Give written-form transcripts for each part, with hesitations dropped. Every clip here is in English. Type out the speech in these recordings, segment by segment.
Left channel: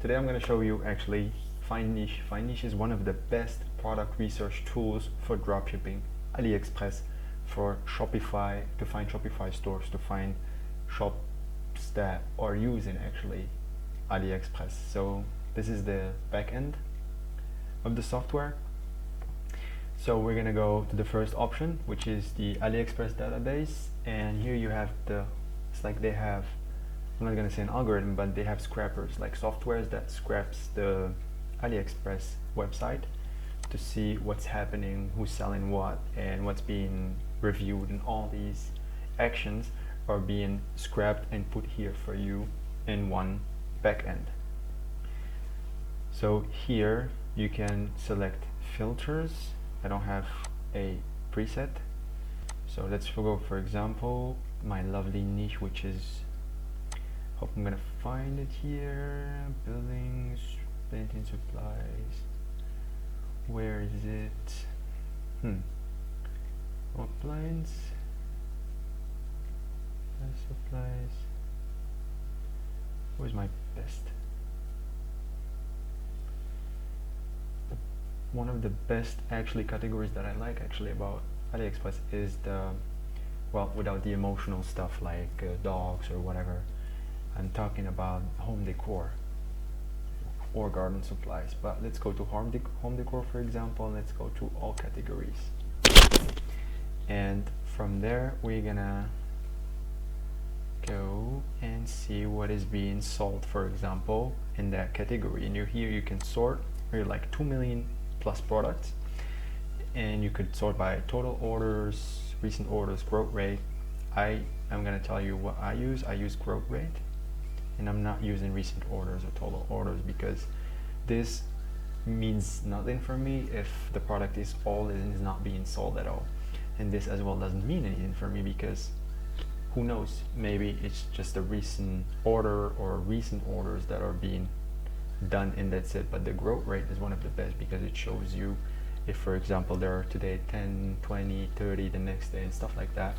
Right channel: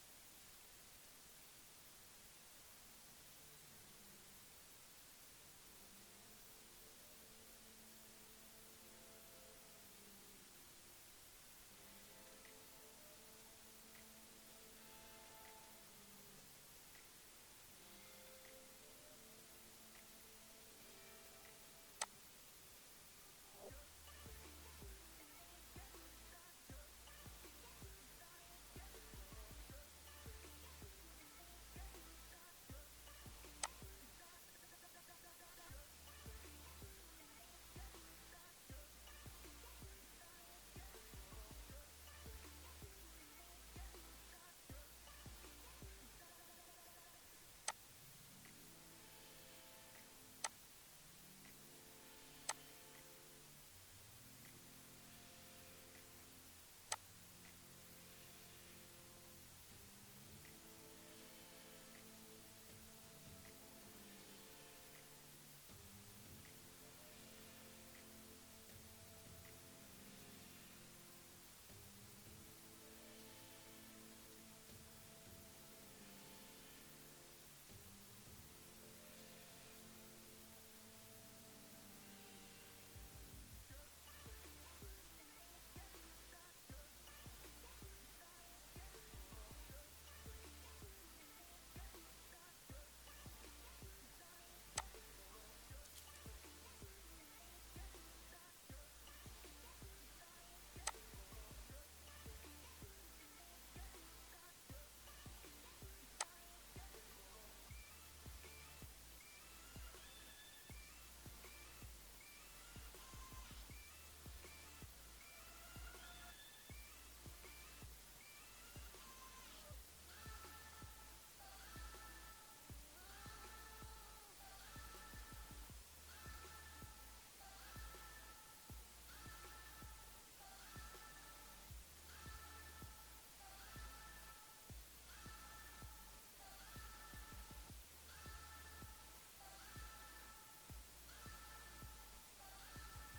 Today I'm going to show you actually FindNiche. FindNiche is one of the best product research tools for dropshipping. AliExpress for Shopify, to find Shopify stores, to find shops that are using actually AliExpress. So this is the back end of the software. So we're going to go to the first option, which is the AliExpress database, and here you have it's like they have, I'm not going to say an algorithm, but they have scrappers, like softwares that scraps the AliExpress website to see what's happening, who's selling what, and what's being reviewed, and all these actions are being scrapped and put here for you in one backend. So here you can select filters. I don't have a preset, so let's go for example my lovely niche, which is, hope I'm gonna find it here, buildings, painting supplies. Where is it? Appliance, supplies. Where's my best? One of the best actually categories that I like actually about AliExpress is the, well, without the emotional stuff like dogs or whatever, I'm talking about home decor or garden supplies. But let's go to home decor for example. Let's go to all categories, and from there we're gonna go and see what is being sold, for example, in that category. And here you can sort, you're like 2 million plus products, and you could sort by total orders, recent orders, growth rate. I'm gonna tell you what I use. I use growth rate, and I'm not using recent orders or total orders because this means nothing for me if the product is old and is not being sold at all. And this as well doesn't mean anything for me because who knows, maybe it's just a recent order or recent orders that are being done and that's it. But the growth rate is one of the best because it shows you if, for example, there are today 10, 20, 30 the next day and stuff like that.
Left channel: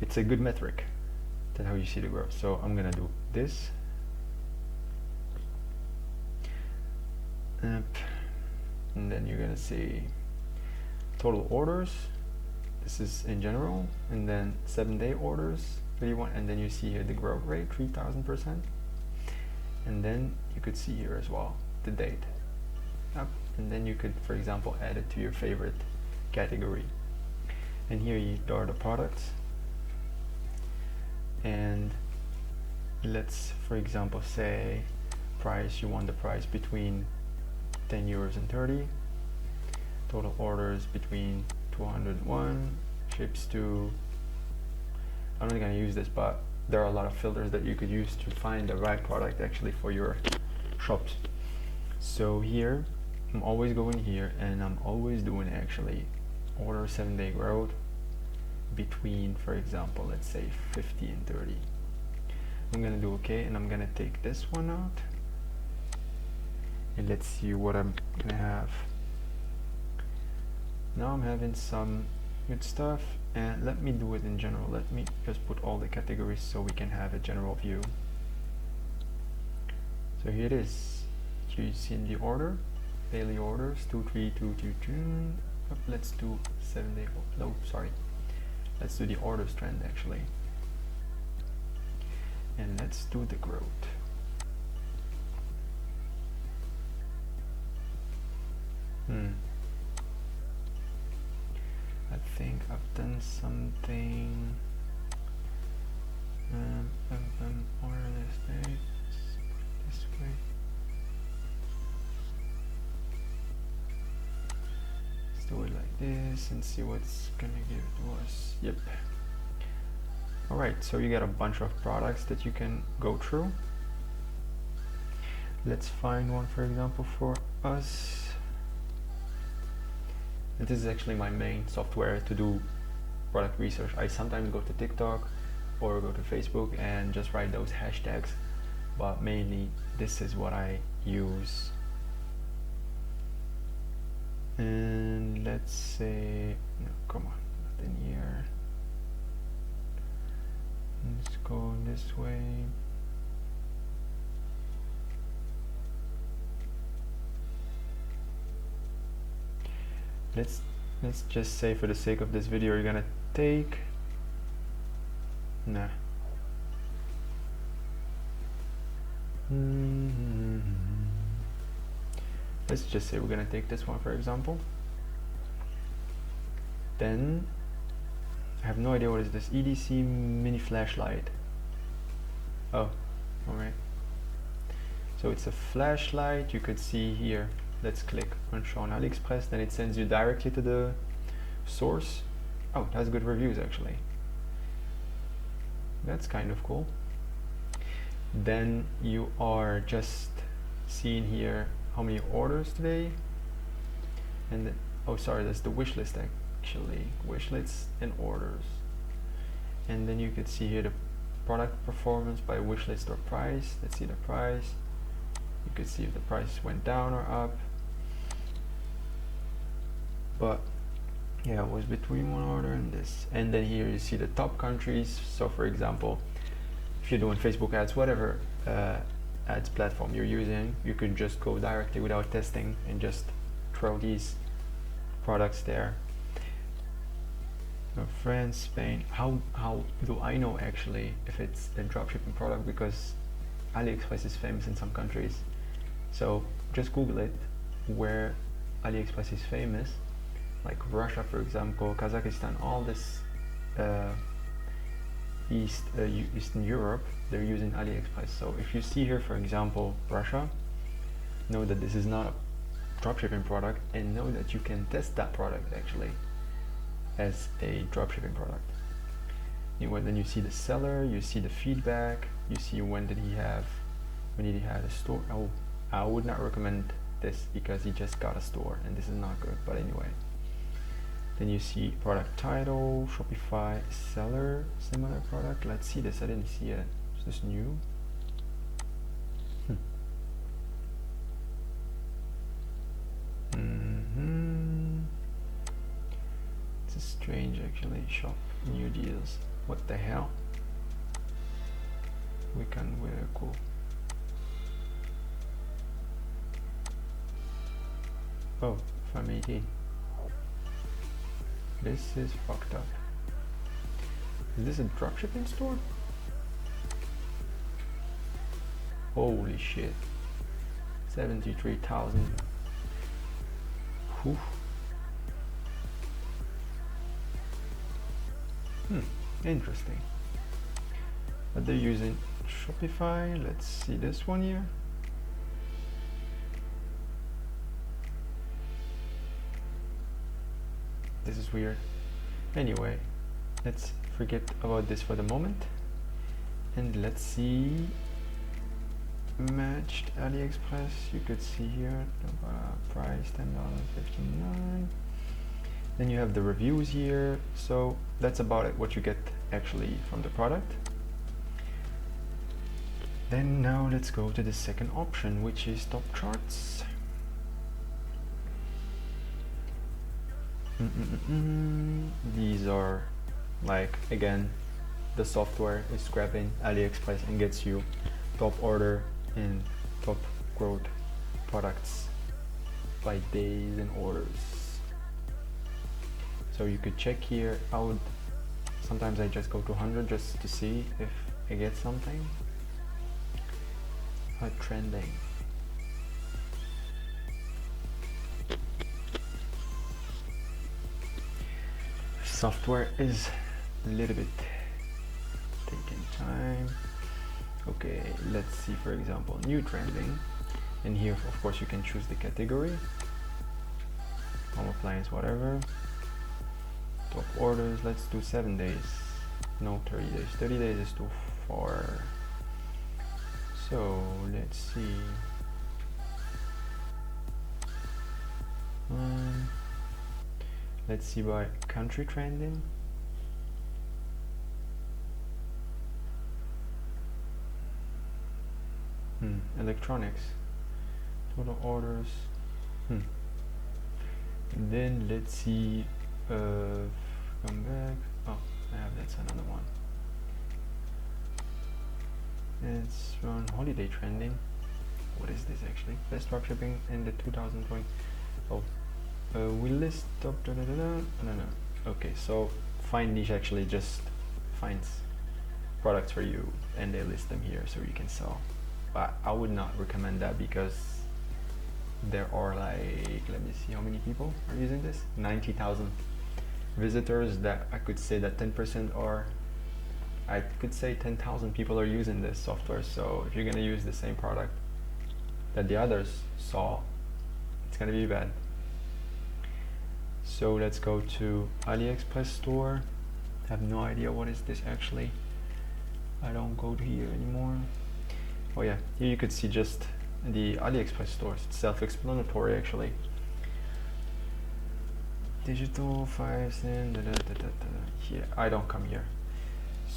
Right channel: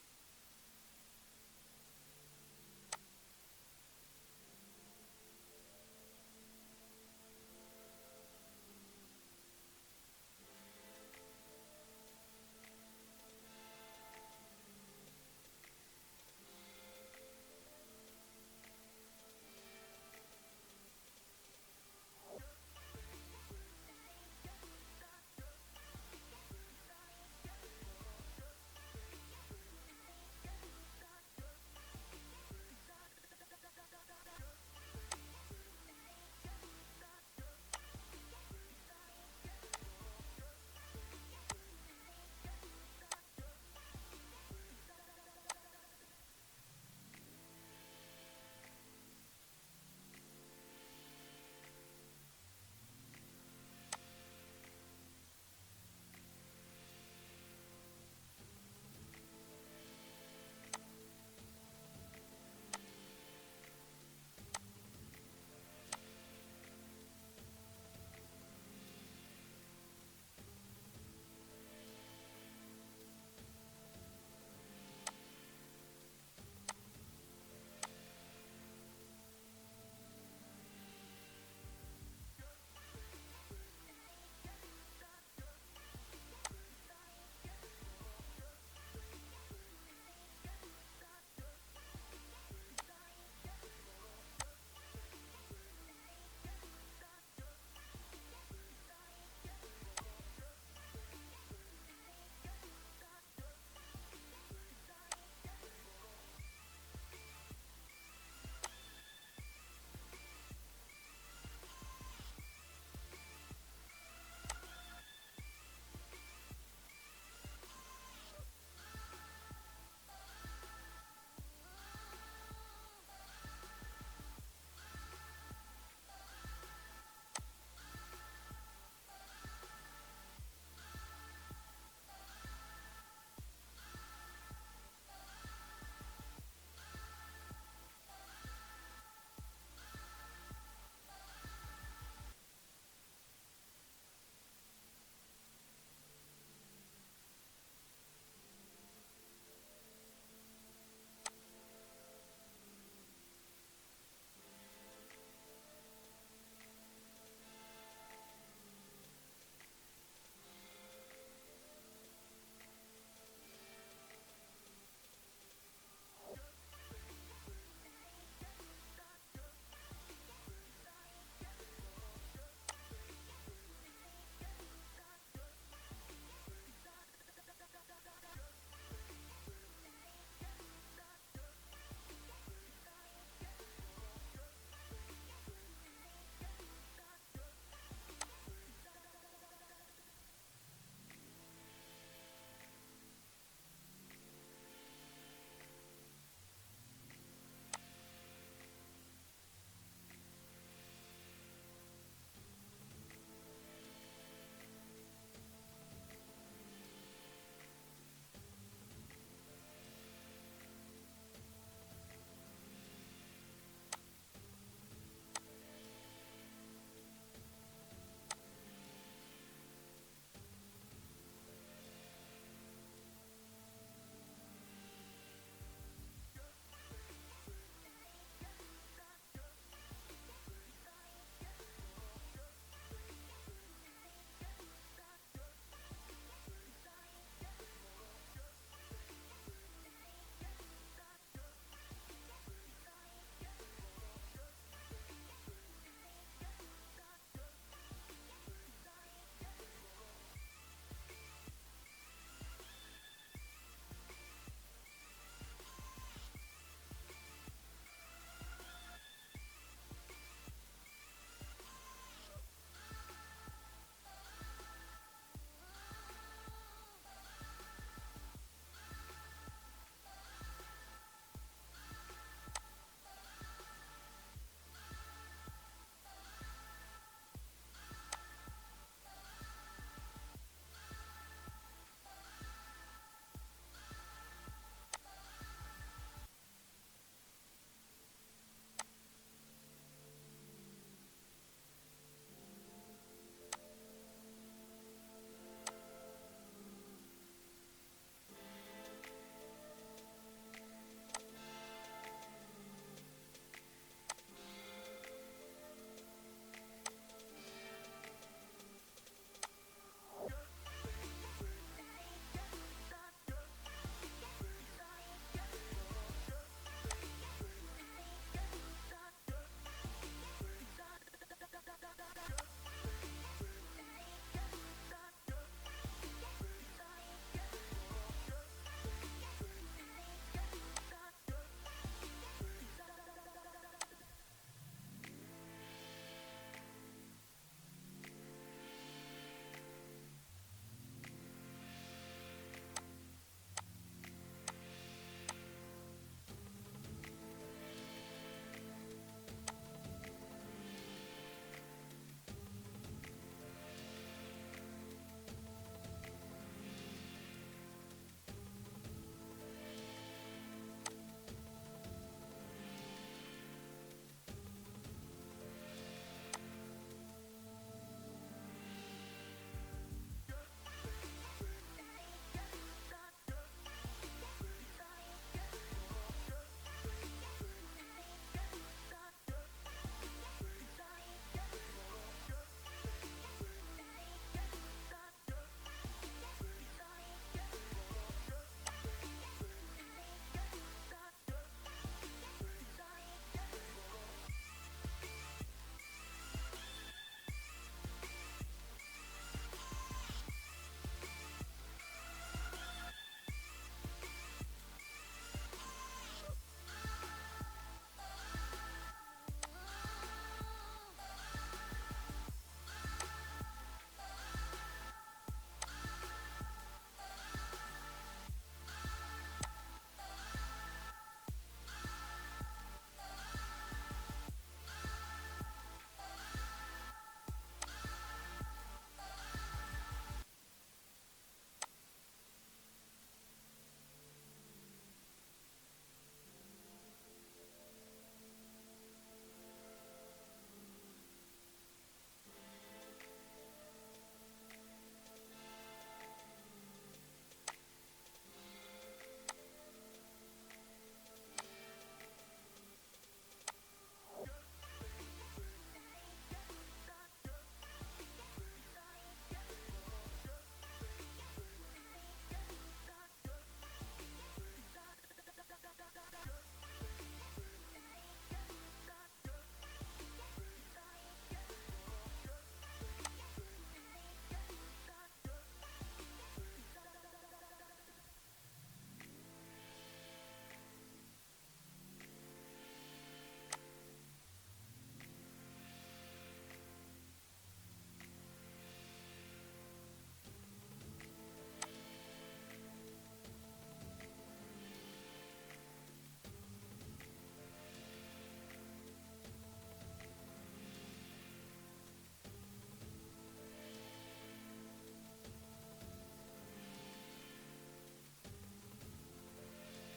It's a good metric. That's how you see the growth. So I'm gonna do this, and then you're gonna see total orders. This is in general, and then 7-day orders, 31, and then you see here the growth rate 3000%, and then you could see here as well the date. And then you could, for example, add it to your favorite category, and here are the products. And let's, for example, say price, you want the price between 10 euros and 30, total orders between 201, ships to, I'm not going to use this, but there are a lot of filters that you could use to find the right product actually for your shops. So here I'm always going here, and I'm always doing actually order 7-day growth between, for example, let's say 50 and 30. I'm gonna do okay, and I'm gonna take this one out, and let's see what I'm gonna have. Now I'm having some good stuff, and let me do it in general. Let me just put all the categories so we can have a general view. So here it is. Here you see in the order, daily orders 23222. Let's do 7-day. No, sorry. Let's do the orders trend actually, and let's do the growth. I think I've done something. Order this day, this way. Let's do it like this and see what's gonna give to us. Yep. Alright, so you got a bunch of products that you can go through. Let's find one, for example, for us. This is actually my main software to do product research. I sometimes go to TikTok or go to Facebook and just write those hashtags, but mainly this is what I use. And let's say, no, come on, nothing here. Let's go this way. let's just say, for the sake of this video, you're gonna take, nah. Let's just say we're gonna take this one, for example. Then I have no idea what is this. EDC mini flashlight. Oh, alright. So it's a flashlight. You could see here. Let's click on show on AliExpress. Then it sends you directly to the source. Oh, it has good reviews actually. That's kind of cool. Then you are just seeing here how many orders today. And then, oh sorry, that's the wish list actually. Wish lists and orders. And then you could see here the product performance by wish list or price. Let's see the price. You could see if the price went down or up. But yeah, it was between one order and this. And then here you see the top countries. So for example, if you're doing Facebook ads, whatever ads platform you're using, you could just go directly without testing and just throw these products there. France, Spain. How do I know actually if it's a dropshipping product? Because AliExpress is famous in some countries. So just Google it where AliExpress is famous, like Russia, for example, Kazakhstan, all this Eastern Europe, they're using AliExpress. So if you see here, for example, Russia, know that this is not a dropshipping product, and know that you can test that product actually as a dropshipping product. Then you see the seller, you see the feedback, you see when did he have a store. Oh, I would not recommend this because he just got a store and this is not good, but anyway. Then you see product title, Shopify, seller, similar product. Let's see this. I didn't see it. Is this new? It's strange actually. Shop new deals. What the hell? We can wear cool. Oh, 518. This is fucked up. Is this a dropshipping store? Holy shit. 73,000. Interesting. But they're using Shopify. Let's see this one here. This is weird. Anyway, let's forget about this for the moment. And let's see. Matched AliExpress. You could see here the price $10.59. Then you have the reviews here. So that's about it, what you get actually from the product. Then now let's go to the second option, which is top charts. These are like, again, the software is scrapping AliExpress and gets you top order and top growth products by days and orders. So you could check here. Sometimes I just go to 100 just to see if I get something. Trending. Software is a little bit taking time. Okay, let's see, for example, new trending. And here, of course, you can choose the category. Home appliance, whatever. Top orders, let's do 7 days. No, 30 days. 30 days is too far. So let's see. Let's see by country trending. Electronics. Total orders. And then let's see. Come back. Oh, that's another one. It's on holiday trending. What is this actually? Best dropshipping in the 2020. Oh, we list no. Okay, so FindNiche actually just finds products for you and they list them here so you can sell. But I would not recommend that because there are like, let me see how many people are using this, 90,000 visitors. That I could say that 10% are, I could say 10,000 people are using this software. So if you're gonna use the same product that the others saw, it's gonna be bad. So let's go to AliExpress store. I have no idea what is this actually. I don't go to here anymore. Oh yeah, here you could see just the AliExpress stores. It's self-explanatory actually. Digital fires and here. I don't come here.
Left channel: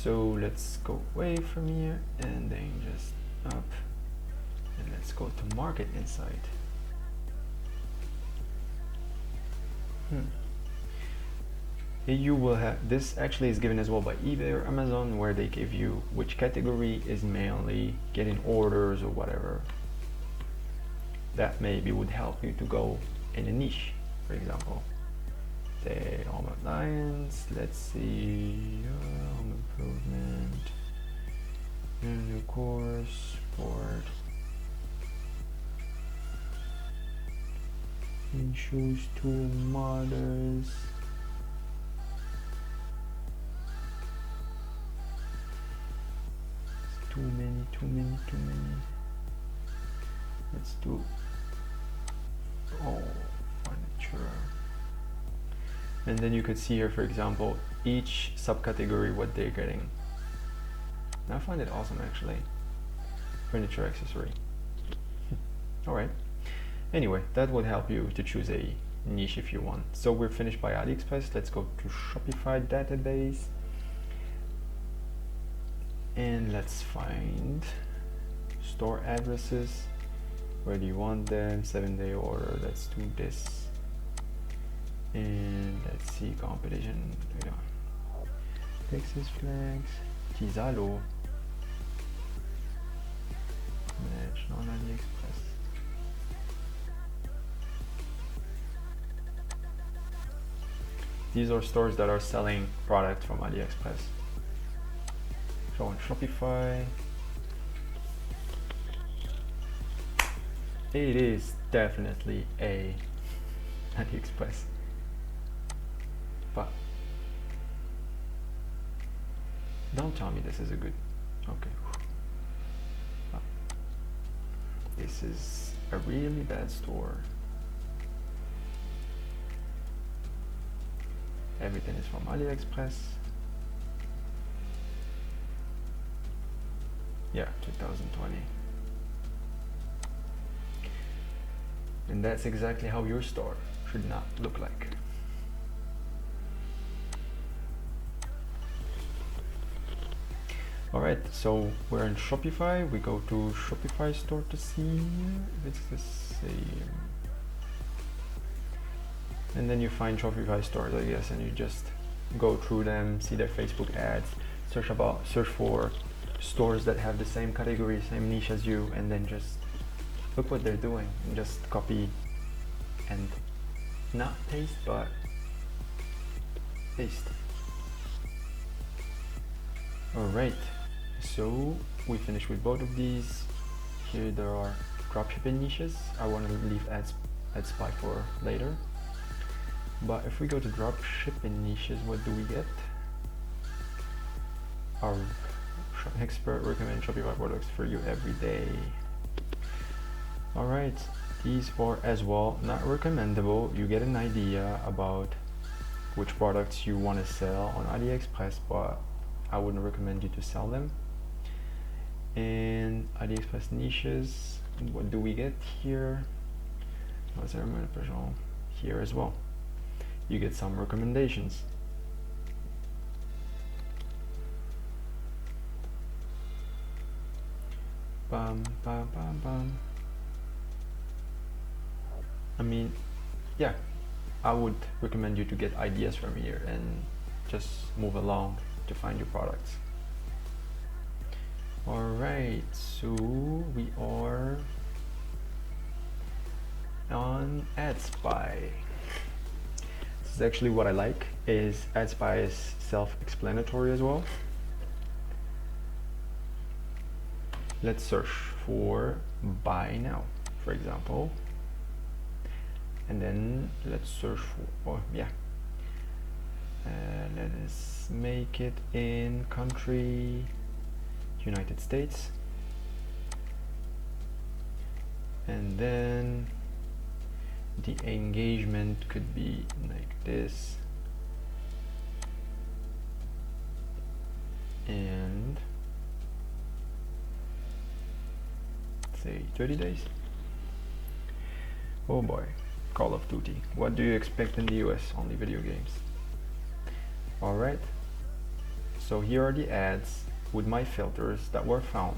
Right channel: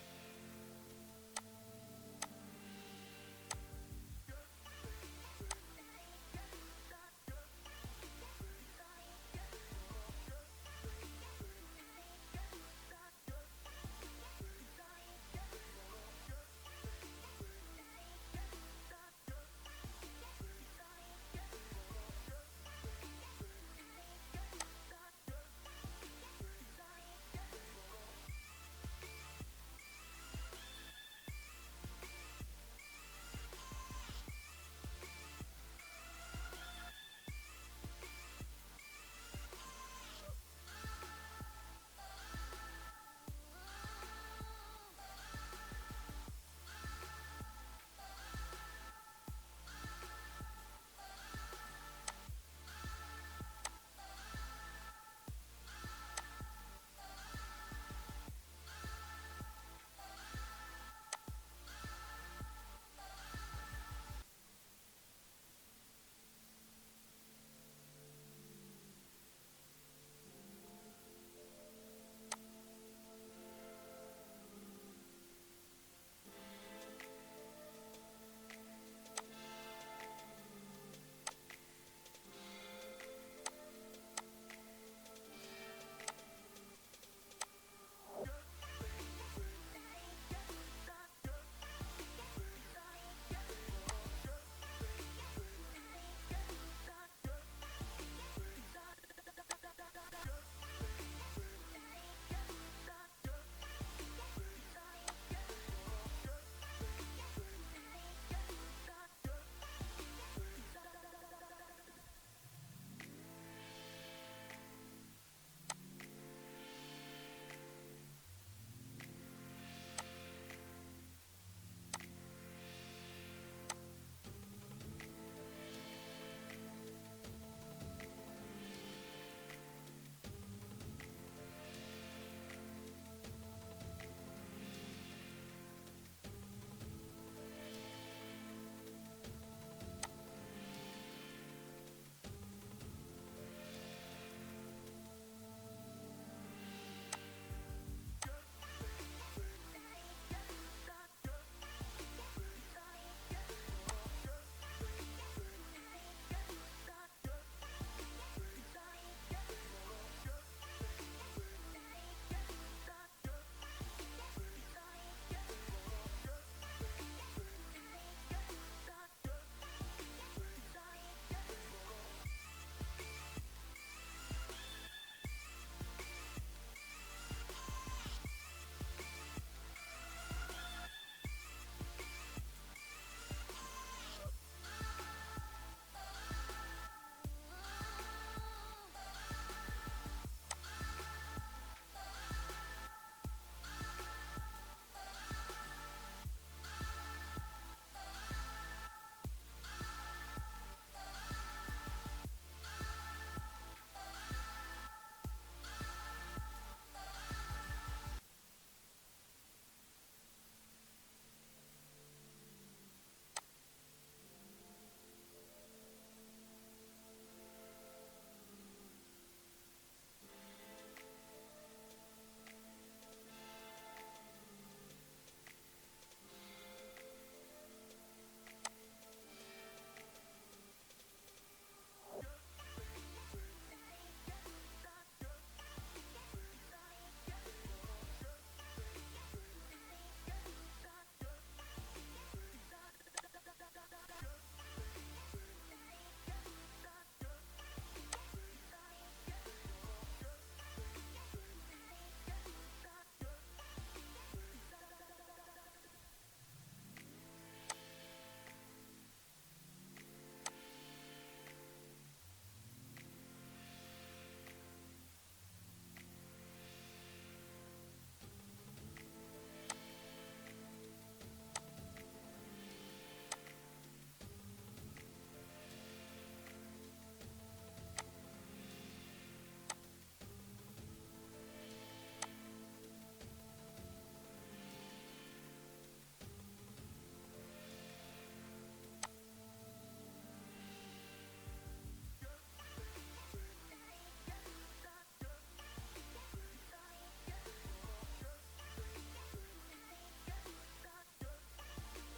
So let's go away from here and then just up. And let's go to Market Insight. Here you will have, this actually is given as well by eBay or Amazon, where they give you which category is mainly getting orders or whatever. That maybe would help you to go in a niche, for example. Say home appliance, let's see, home improvement, new course, sport, shoes, tool models. Too many. Let's do, furniture. And then you could see here, for example, each subcategory what they're getting. And I find it awesome actually. Furniture accessory. Alright. Anyway, that would help you to choose a niche if you want. So we're finished by AliExpress. Let's go to Shopify database. And let's find store addresses. Where do you want them? 7-day order. Let's do this. And let's see competition. Yeah. Texas flags. Kizalo. Match on AliExpress. These are stores that are selling products from AliExpress. So on Shopify, it is definitely a AliExpress, but don't tell me this is a good, okay. This is a really bad store. Everything is from AliExpress. Yeah, 2020. And that's exactly how your store should not look like. Alright, so we're in Shopify. We go to Shopify store to see if it's the same. And then you find Shopify stores, I guess, and you just go through them, see their Facebook ads, search for stores that have the same category, same niche as you, and then just look what they're doing and just copy and not paste, but paste. Alright, so we finished with both of these. Here there are dropshipping niches. I want to leave ad spy for later. But if we go to dropshipping niches, what do we get? Our expert recommend Shopify products for you every day. Alright, these are as well not recommendable. You get an idea about which products you want to sell on AliExpress, but I wouldn't recommend you to sell them. And AliExpress niches, what do we get here? Here as well. You get some recommendations. Bum, bum, bum, bum. I mean, yeah, I would recommend you to get ideas from here and just move along to find your products. Alright, so we are on Ad Spy. is actually what I like, is AdSpy is self-explanatory as well. Let's search for buy now, for example, and then let's search for, let us make it in country United States, and then the engagement could be like this, and say 30 days. Oh boy, Call of Duty. What do you expect in the US? Only video games. Alright, so here are the ads with my filters that were found.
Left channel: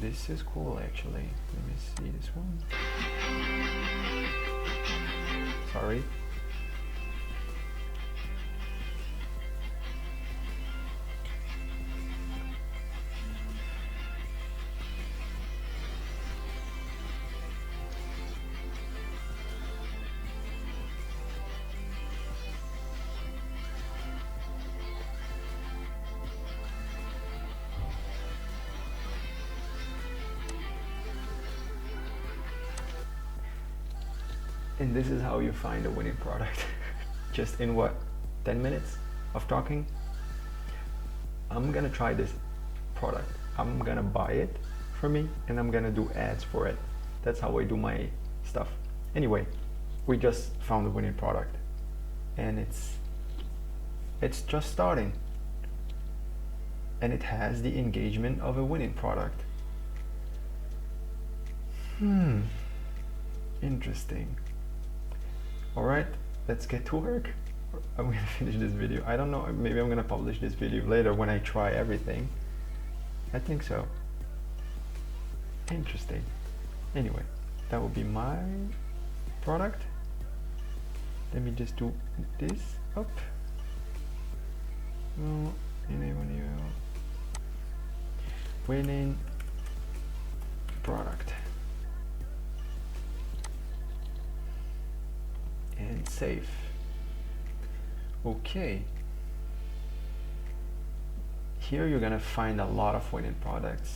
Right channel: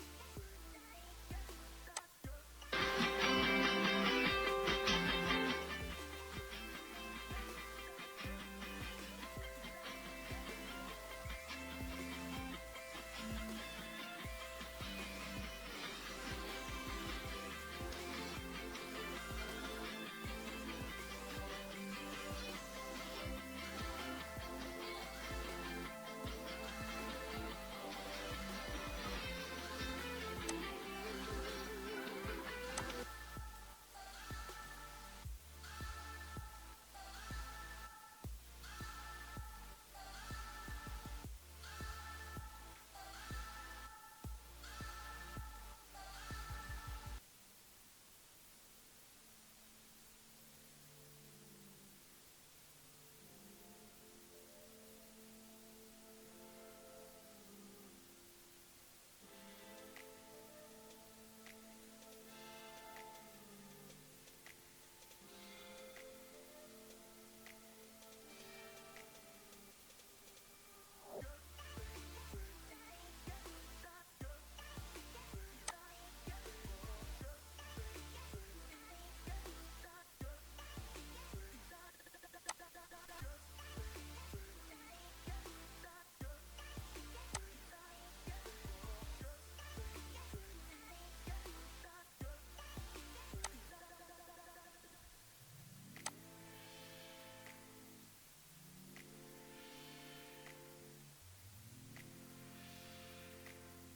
This is cool actually. Let me see this one. Sorry. And this is how you find a winning product. Just in what, 10 minutes of talking? I'm gonna try this product. I'm gonna buy it for me and I'm gonna do ads for it. That's how I do my stuff. Anyway, we just found a winning product and it's just starting. And it has the engagement of a winning product. Interesting. Alright, let's get to work. I'm gonna finish this video. I don't know, maybe I'm gonna publish this video later when I try everything. I think so. Interesting. Anyway, that will be my product. Let me just do this up. Winning product. And save. Okay. Here you're gonna find a lot of winning products.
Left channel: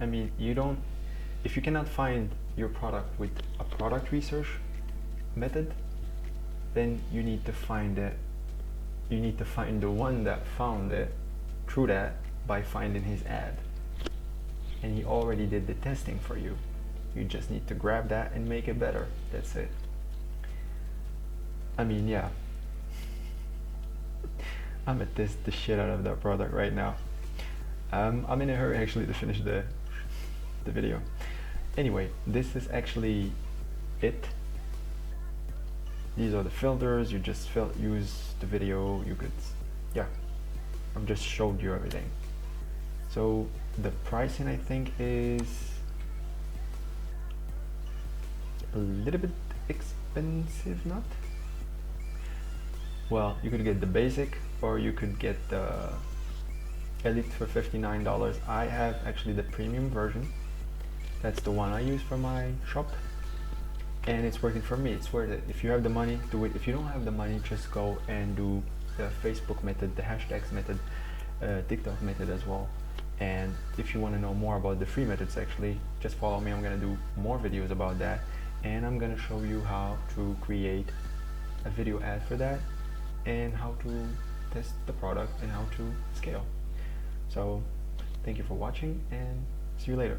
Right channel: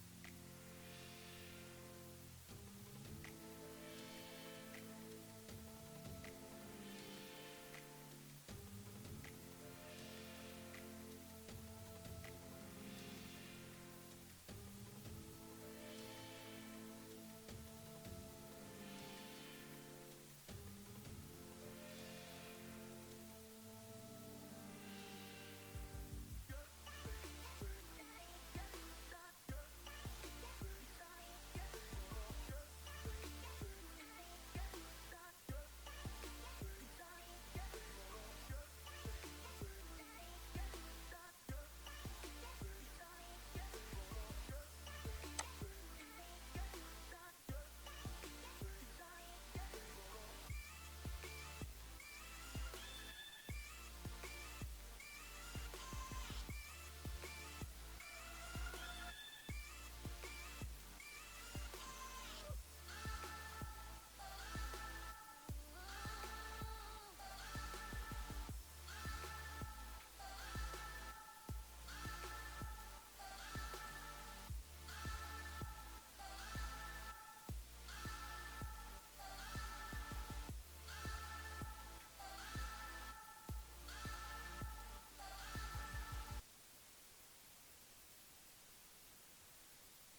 I mean, if you cannot find your product with a product research method, then you need to find it. You need to find the one that found it through that by finding his ad. And he already did the testing for you. You just need to grab that and make it better. That's it. I mean, yeah. I'm gonna test the shit out of that product right now. I'm in a hurry actually to finish the video. Anyway, this is actually it. These are the filters. You just use the video. You could, yeah. I've just showed you everything. So the pricing I think is a little bit expensive, not? Well, you could get the basic or you could get the Elite for $59. I have actually the premium version. That's the one I use for my shop and it's working for me. It's worth it. If you have the money, do it. If you don't have the money, just go and do the Facebook method, the hashtags method, TikTok method as well. And if you want to know more about the free methods, actually just follow me. I'm going to do more videos about that and I'm going to show you how to create a video ad for that and how to test the product and how to scale. So thank you for watching and see you later.